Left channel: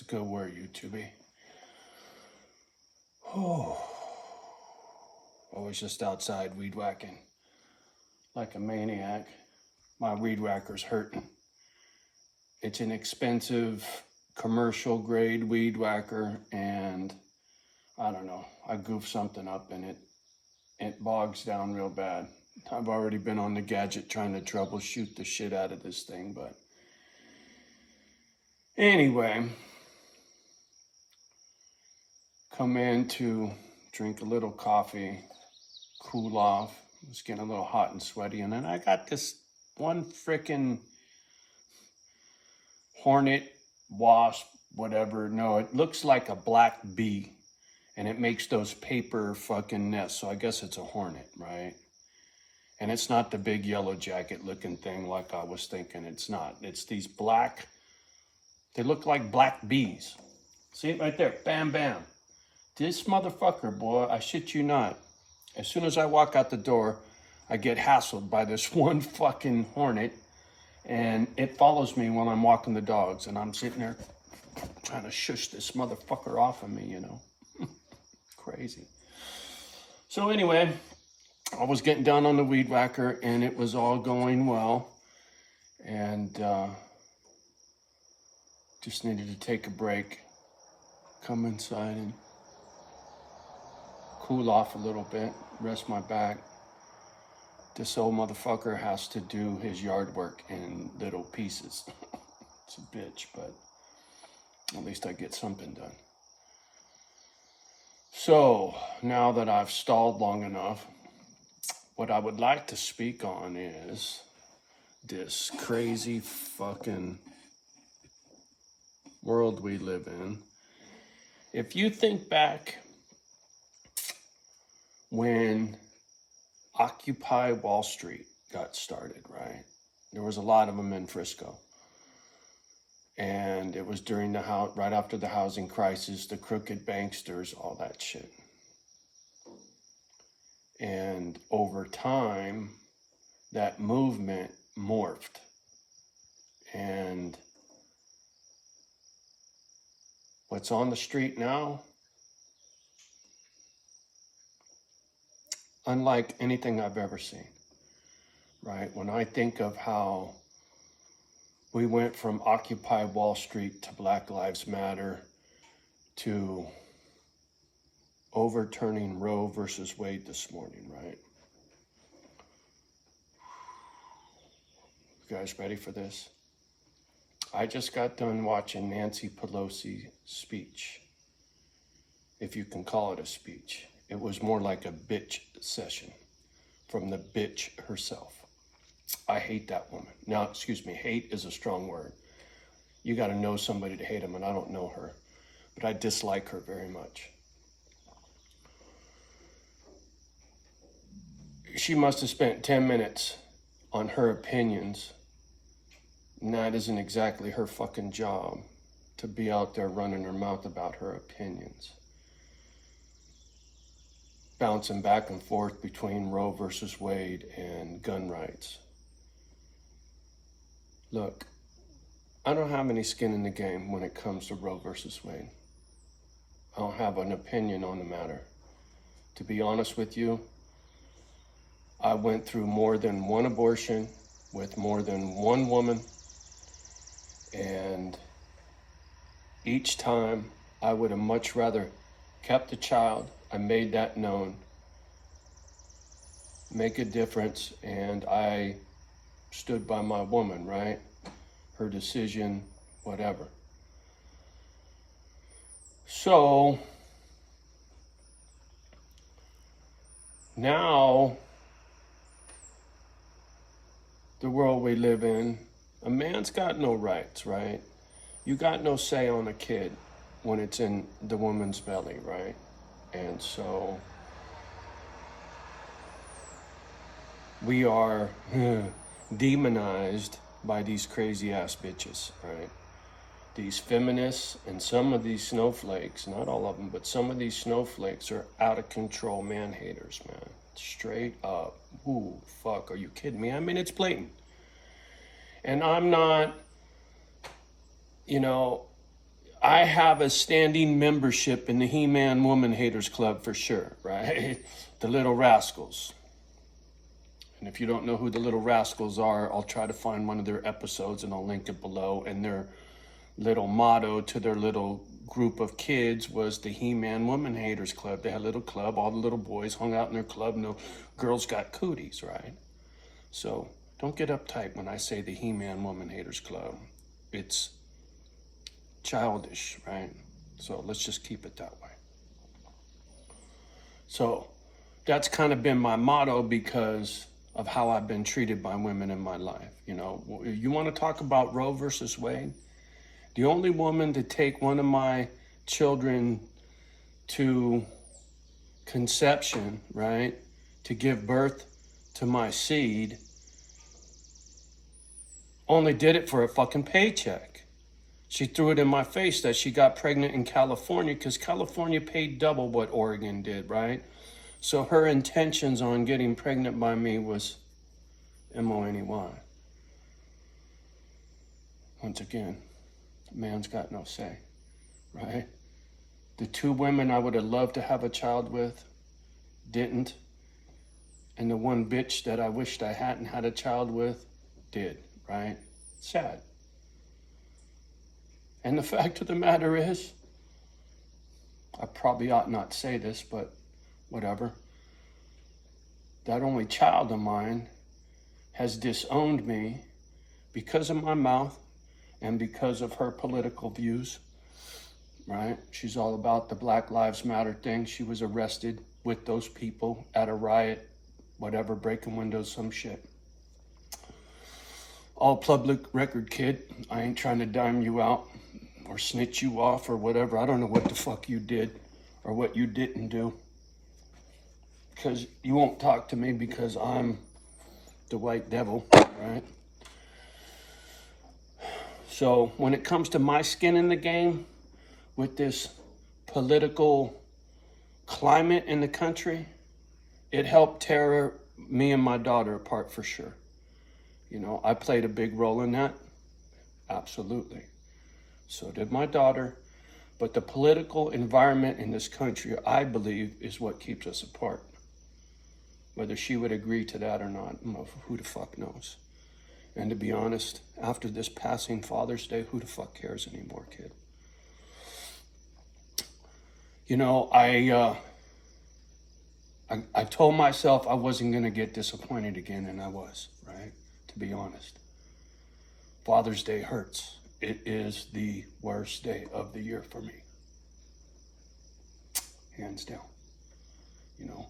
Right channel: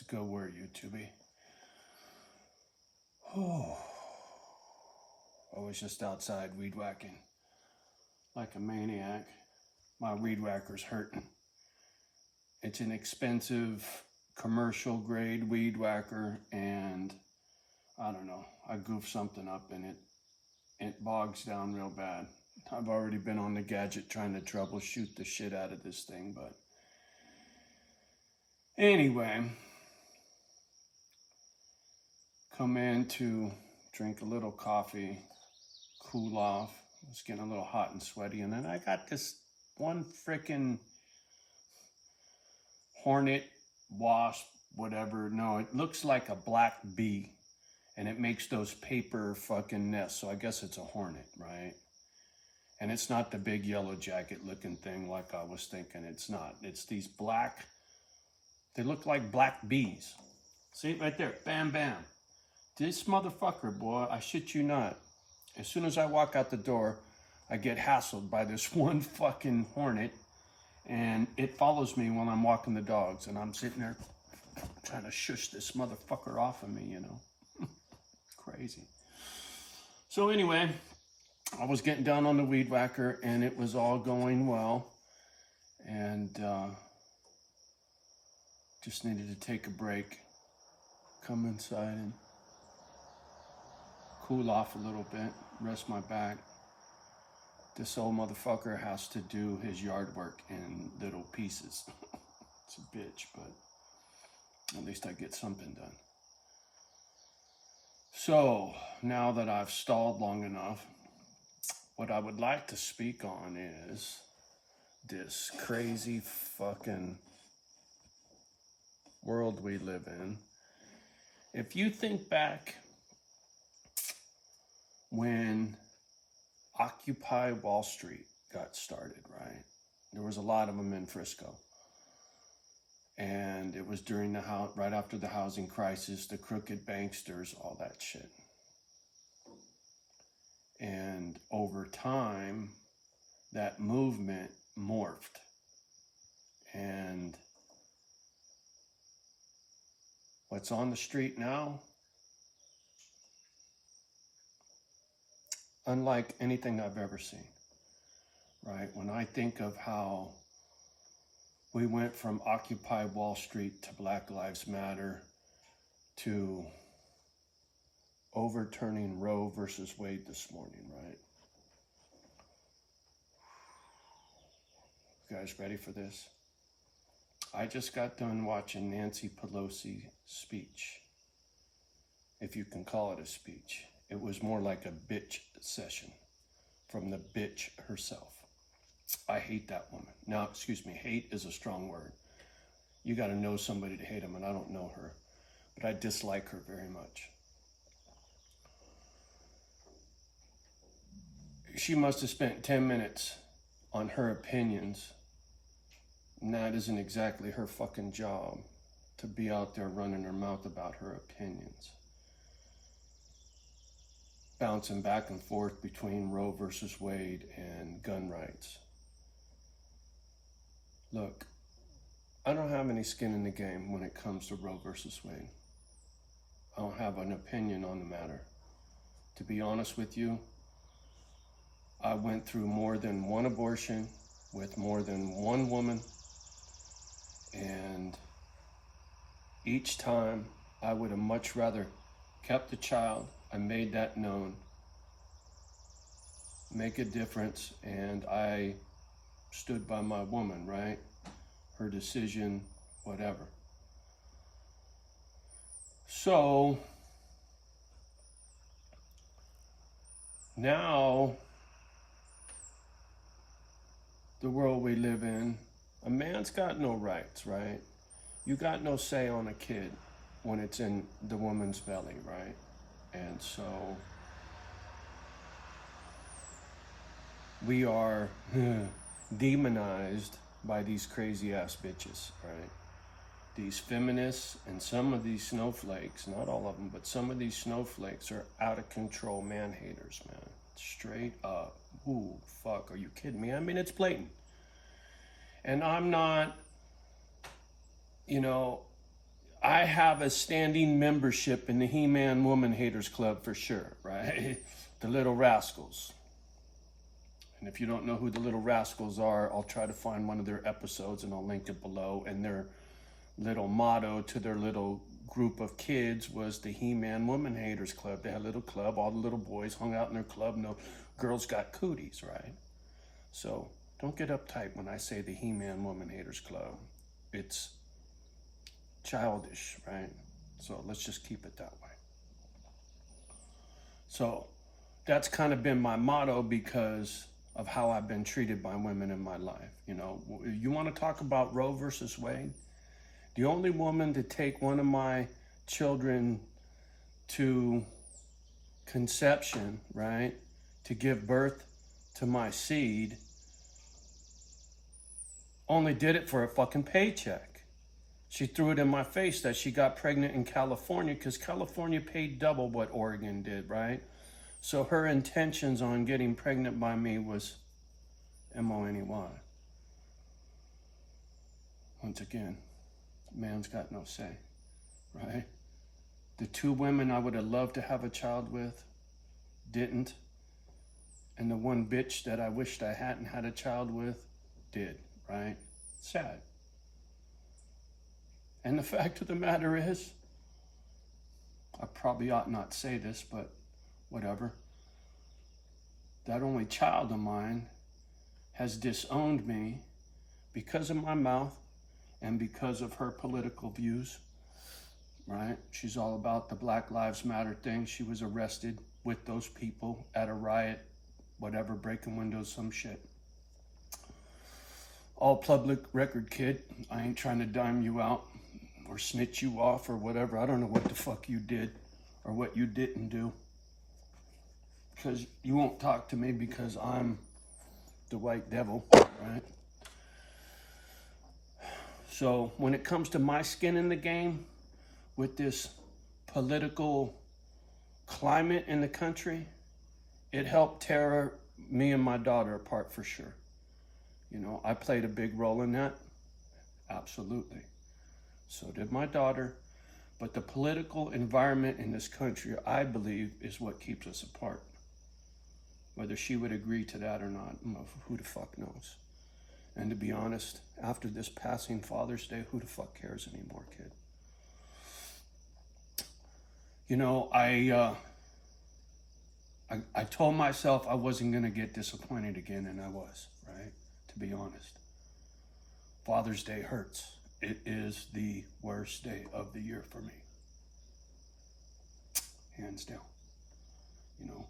It's a good word, YouTube. Oh, I was just outside weed whacking like a maniac. My weed whacker's hurting. It's an expensive commercial grade weed whacker, and I don't know, I goofed something up and it bogs down real bad. I've already been on the gadget trying to troubleshoot the shit out of this thing, but anyway, come in to drink a little coffee, cool off. It's getting a little hot and sweaty, and then I got this one frickin' hornet, wasp, whatever. No, it looks like a black bee, and it makes those paper fucking nests, so I guess it's a hornet, right? And it's not the big yellow jacket looking thing like I was thinking. It's not. It's these black, they look like black bees. See it right there, bam, bam. This motherfucker, boy, I shit you not. As soon as I walk out the door, I get hassled by this one fucking hornet, and it follows me while I'm walking the dogs, and I'm sitting there trying to shush this motherfucker off of me, you know. Crazy. So anyway, I was getting down on the weed whacker, and it was all going well, and just needed to take a break, come inside and cool off a little bit, rest my back. This old motherfucker has to do his yard work in little pieces. It's a bitch, but at least I get something done. So now that I've stalled long enough, what I would like to speak on is this crazy fucking world we live in. If you think back when Occupy Wall Street got started, right? There was a lot of them in Frisco. And it was during right after the housing crisis, the crooked banksters, all that shit. And over time, that movement morphed. And what's on the street now, unlike anything I've ever seen, right? When I think of how we went from Occupy Wall Street to Black Lives Matter to overturning Roe versus Wade this morning, right? You guys ready for this? I just got done watching Nancy Pelosi's speech, if you can call it a speech. It was more like a bitch session from the bitch herself. I hate that woman. Now, excuse me, hate is a strong word. You got to know somebody to hate them, and I don't know her, but I dislike her very much. She must have spent 10 minutes on her opinions, and that isn't exactly her fucking job to be out there running her mouth about her opinions. Bouncing back and forth between Roe versus Wade and gun rights. Look, I don't have any skin in the game when it comes to Roe versus Wade. I don't have an opinion on the matter. To be honest with you, I went through more than one abortion with more than one woman, and each time I would have much rather kept the child. I made that known, make a difference, and I stood by my woman, right? Her decision, whatever. So now, the world we live in, a man's got no rights, right? You got no say on a kid when it's in the woman's belly, right? And so we are demonized by these crazy ass bitches, right? These feminists and some of these snowflakes, not all of them, but some of these snowflakes are out of control man haters, man. Straight up. Ooh, fuck, are you kidding me? I mean, it's blatant. And I'm not, you know, I have a standing membership in the He-Man Woman Haters Club for sure, right? The Little Rascals. And if you don't know who the Little Rascals are, I'll try to find one of their episodes and I'll link it below. And their little motto to their little group of kids was the He-Man Woman Haters Club. They had a little club. All the little boys hung out in their club and the girls got cooties, right? So don't get uptight when I say the He-Man Woman Haters Club. It's childish, right? So let's just keep it that way. So that's kind of been my motto because of how I've been treated by women in my life. You know, you want to talk about Roe versus Wade? The only woman to take one of my children to conception, right, to give birth to my seed, only did it for a fucking paycheck. She threw it in my face that she got pregnant in California because California paid double what Oregon did, right? So her intentions on getting pregnant by me was M-O-N-E-Y. Once again, man's got no say, right? The two women I would have loved to have a child with didn't. And the one bitch that I wished I hadn't had a child with did, right? Sad. And the fact of the matter is, I probably ought not say this, but whatever. That only child of mine has disowned me because of my mouth and because of her political views, right? She's all about the Black Lives Matter thing. She was arrested with those people at a riot, whatever, breaking windows, some shit. All public record, kid. I ain't trying to dime you out or snitch you off or whatever. I don't know what the fuck you did or what you didn't do. Because you won't talk to me because I'm the white devil, right? So when it comes to my skin in the game with this political climate in the country, it helped tear me and my daughter apart for sure. You know, I played a big role in that. Absolutely. So did my daughter. But the political environment in this country, I believe, is what keeps us apart. Whether she would agree to that or not, who the fuck knows? And to be honest, after this passing Father's Day, who the fuck cares anymore, kid? You know, I told myself I wasn't going to get disappointed again, and I was, right? To be honest. Father's Day hurts. It is the worst day of the year for me. Hands down. You know,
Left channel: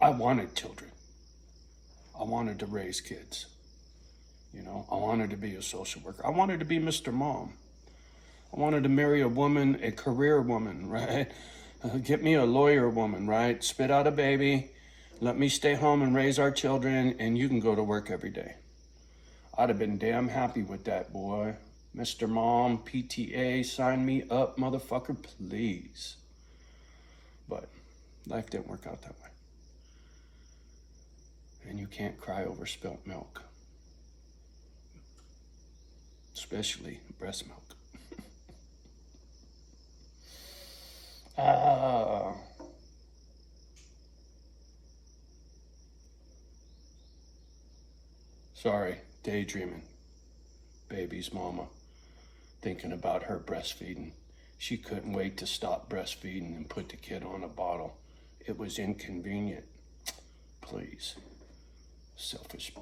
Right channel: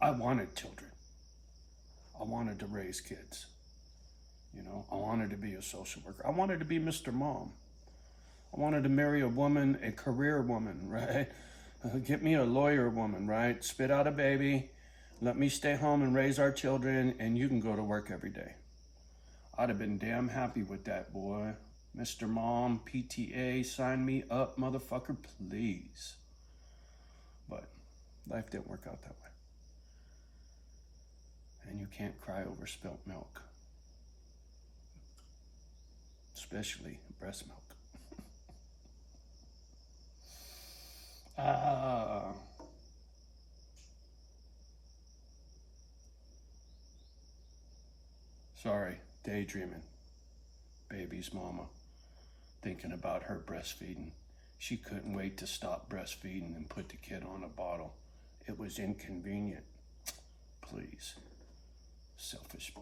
I wanted children. I wanted to raise kids. You know, I wanted to be a social worker. I wanted to be Mr. Mom. I wanted to marry a woman, a career woman, right? Get me a lawyer woman, right? Spit out a baby, let me stay home and raise our children, and you can go to work every day. I'd have been damn happy with that, boy. Mr. Mom, PTA, sign me up, motherfucker, please. But life didn't work out that way. And you can't cry over spilt milk. Especially breast milk. Sorry, daydreaming. Baby's mama. Thinking about her breastfeeding. She couldn't wait to stop breastfeeding and put the kid on a bottle. It was inconvenient. Please. Selfish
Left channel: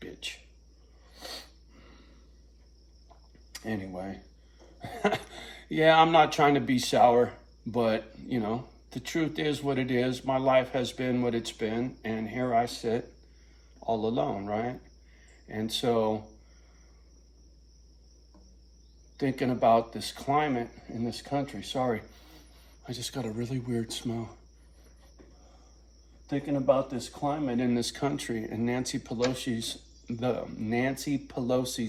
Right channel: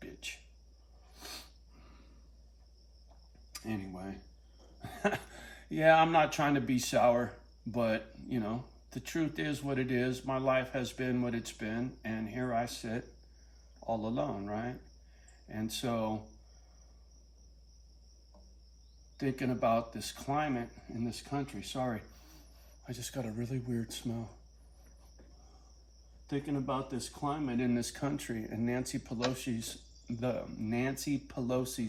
bitch. Anyway. Yeah, I'm not trying to be sour, but, you know, the truth is what it is. My life has been what it's been, and here I sit all alone, right? And so, thinking about this climate in this country, sorry, I just got a really weird smell. Thinking about this climate in this country and Nancy Pelosi's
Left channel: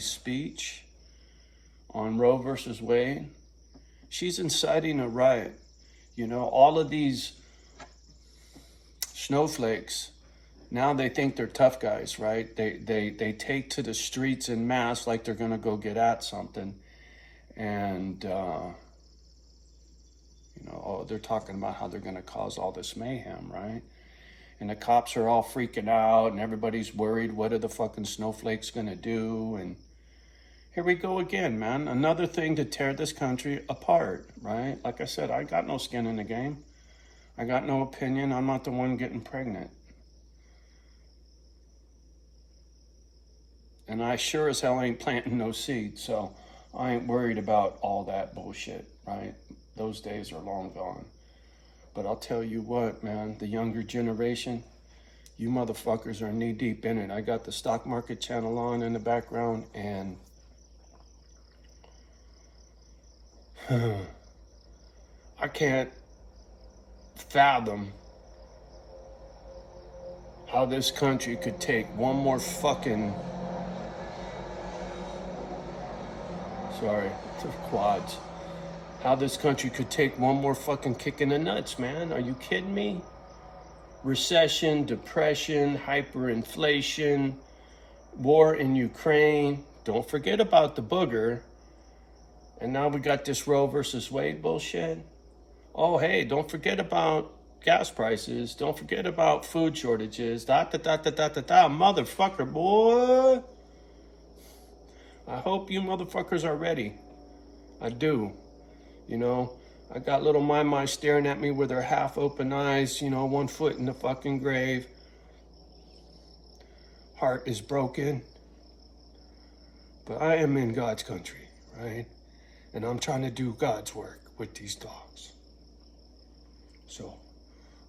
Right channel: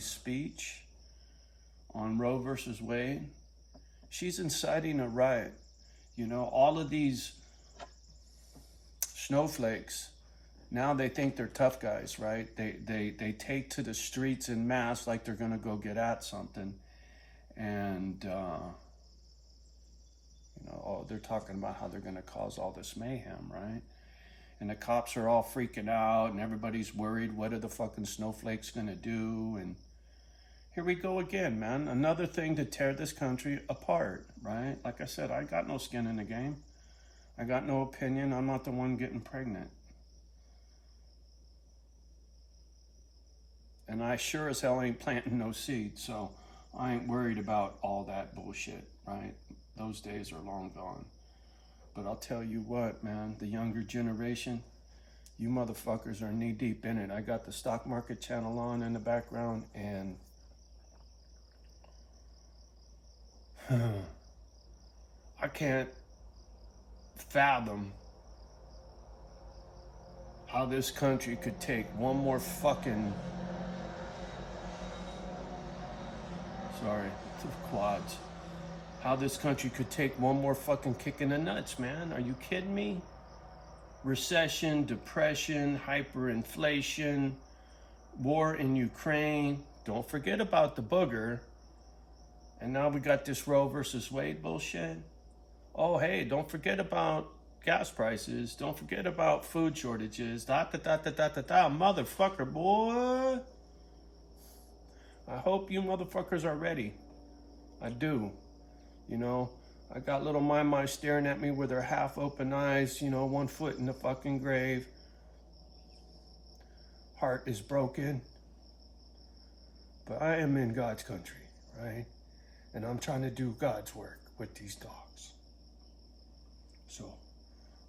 speech on Roe versus Wade, she's inciting a riot. You know, all of these snowflakes, now they think they're tough guys, right? They take to the streets en masse like they're gonna go get at something. And You know, oh, they're talking about how they're going to cause all this mayhem, right? And the cops are all freaking out and everybody's worried. What are the fucking snowflakes going to do? And here we go again, man. Another thing to tear this country apart, right? Like I said, I got no skin in the game. I got no opinion. I'm not the one getting pregnant. And I sure as hell ain't planting no seeds, so I ain't worried about all that bullshit, right? Those days are long gone. But I'll tell you what, man, the younger generation, you motherfuckers are knee deep in it. I got the stock market channel on in the background, and I can't fathom how this country could take one more fucking, sorry, the quads. How this country could take one more fucking kick in the nuts, man. Are you kidding me? Recession, depression, hyperinflation, war in Ukraine. Don't forget about the booger. And now we got this Roe versus Wade bullshit. Oh, hey, don't forget about gas prices. Don't forget about food shortages. Motherfucker, boy. I hope you motherfuckers are ready. I do. You know, I got little my staring at me with her half open eyes, you know, 1 foot in the fucking grave. Heart is broken. But I am in God's country, right? And I'm trying to do God's work with these dogs. So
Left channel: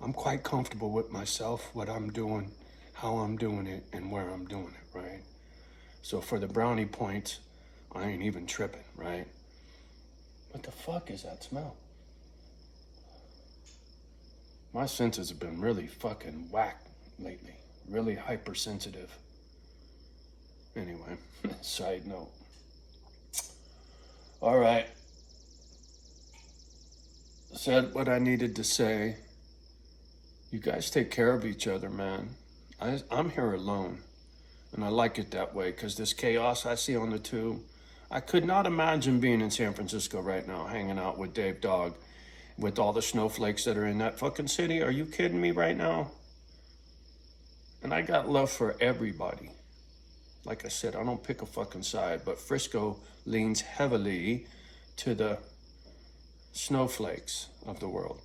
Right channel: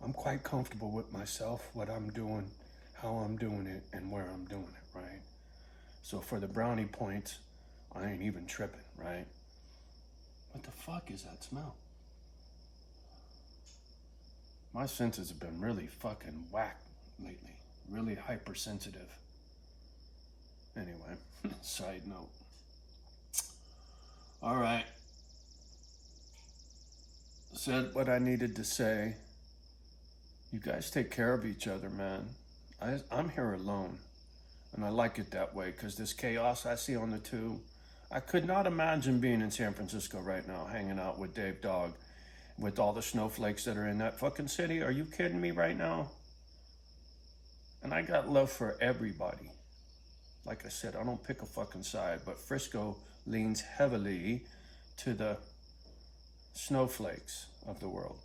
I'm quite comfortable with myself, what I'm doing, how I'm doing it, and where I'm doing it, right? So for the brownie points, I ain't even tripping, right? What the fuck is that smell? My senses have been really fucking whacked lately. Really hypersensitive. Anyway, side note. All right. Said what I needed to say. You guys take care of each other, man. I'm here alone. And I like it that way because this chaos I see on the tube, I could not imagine being in San Francisco right now, hanging out with Dave Dog, with all the snowflakes that are in that fucking city. Are you kidding me right now? And I got love for everybody. Like I said, I don't pick a fucking side, but Frisco leans heavily to the snowflakes of the world.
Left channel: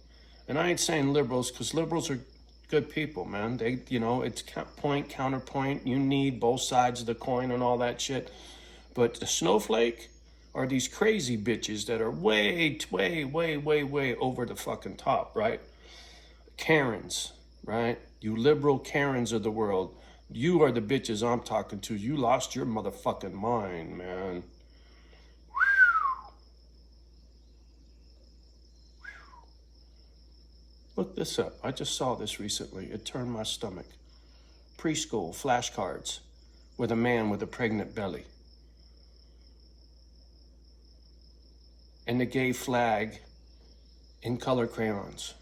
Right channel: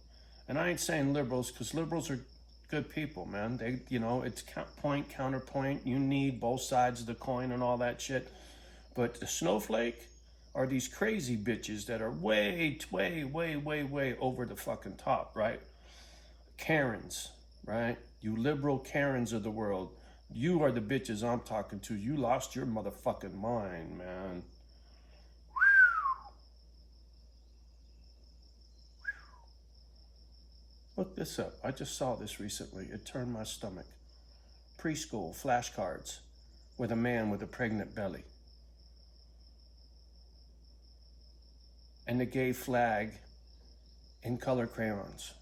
And I ain't saying liberals, because liberals are good people, man. They, you know, it's point, counterpoint. You need both sides of the coin and all that shit. But the snowflake are these crazy bitches that are way over the fucking top, right? Karens, right? You liberal Karens of the world. You are the bitches I'm talking to. You lost your motherfucking mind, man. Look this up. I just saw this recently. It turned my stomach. Preschool flashcards with a man with a pregnant belly. And the gay flag in color crayons.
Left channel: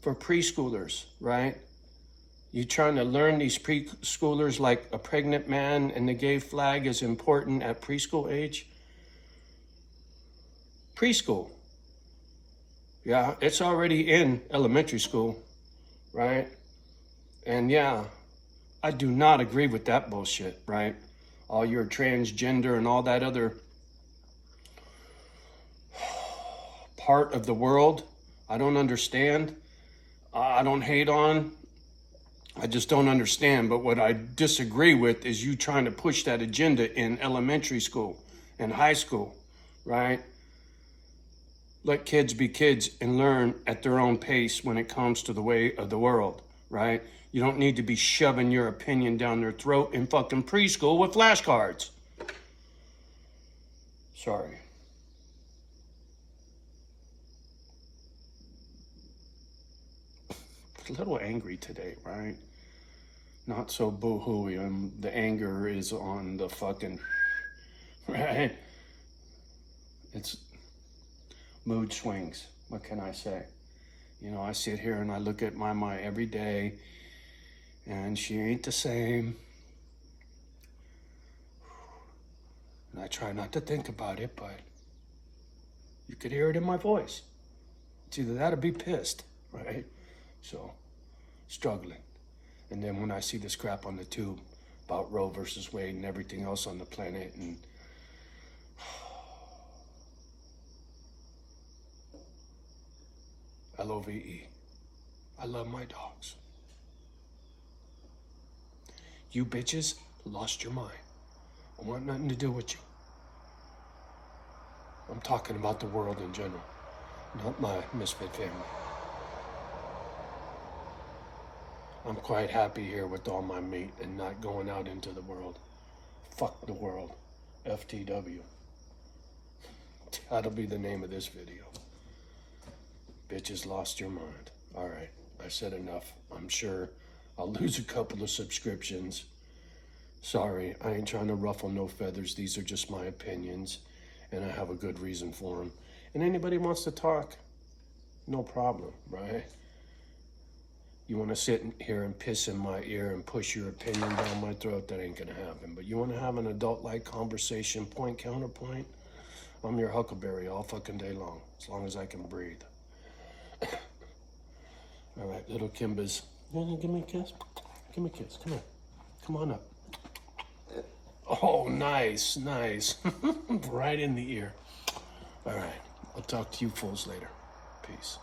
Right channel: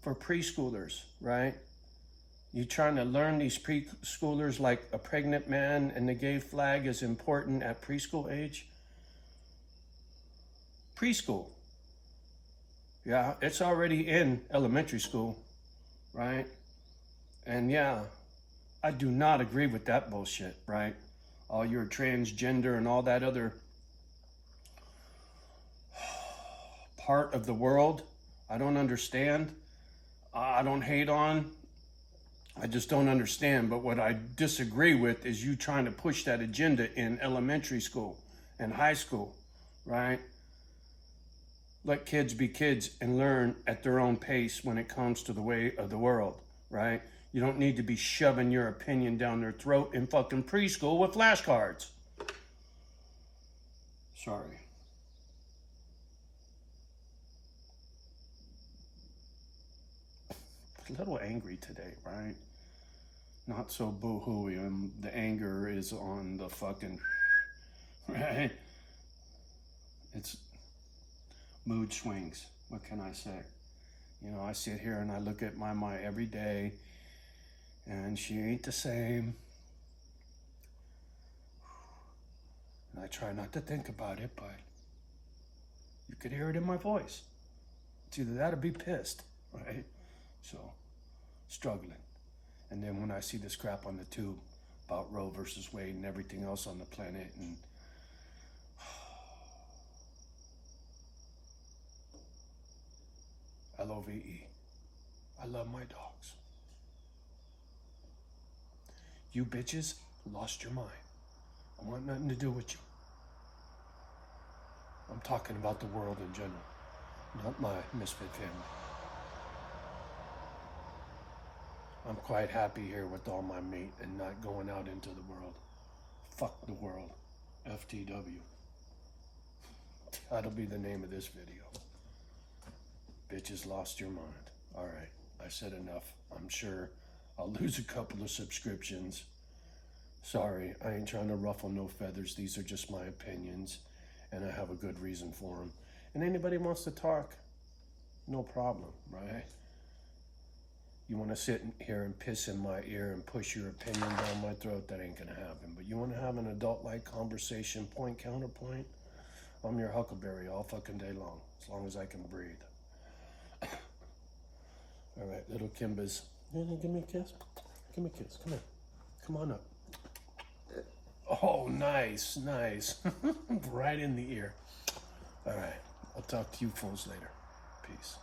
For preschoolers, right? You trying to learn these preschoolers like a pregnant man and the gay flag is important at preschool age? Preschool. Yeah, it's already in elementary school, right? And yeah, I do not agree with that bullshit, right? All your transgender and all that other part of the world, I don't understand. I don't hate on. I just don't understand. But what I disagree with is you trying to push that agenda in elementary school and high school, right? Let kids be kids and learn at their own pace when it comes to the way of the world, right? You don't need to be shoving your opinion down their throat in fucking preschool with flashcards. Sorry. A little angry today, right? Not so boo-hooey. The anger is on the fucking, right? It's mood swings. What can I say? You know, I sit here and I look at my every day and she ain't the same. And I try not to think about it, but You could hear it in my voice. It's either that or be pissed, right? So, struggling. And then when I see this crap on the tube about Roe versus Wade and everything else on the planet, and LOVE. I love my dogs. You bitches lost your mind. I want nothing to do with you. I'm talking about the world in general, not my misfit family. I'm quite happy here with all my meat and not going out into the world. Fuck the world. FTW. That'll be the name of this video. Bitches lost your mind. All right, I said enough. I'm sure I'll lose a couple of subscriptions. Sorry, I ain't trying to ruffle no feathers. These are just my opinions, and I have a good reason for them. And anybody wants to talk, no problem, right? You want to sit here and piss in my ear and push your opinion down my throat, that ain't gonna happen. But you want to have an adult-like conversation, point, counterpoint, I'm your huckleberry all fucking day long as I can breathe. All right, little Kimbas. You wanna give me a kiss? Give me a kiss, come here. Come on up. Oh, nice, nice. Right in the ear. All right, I'll talk to you fools later. Peace.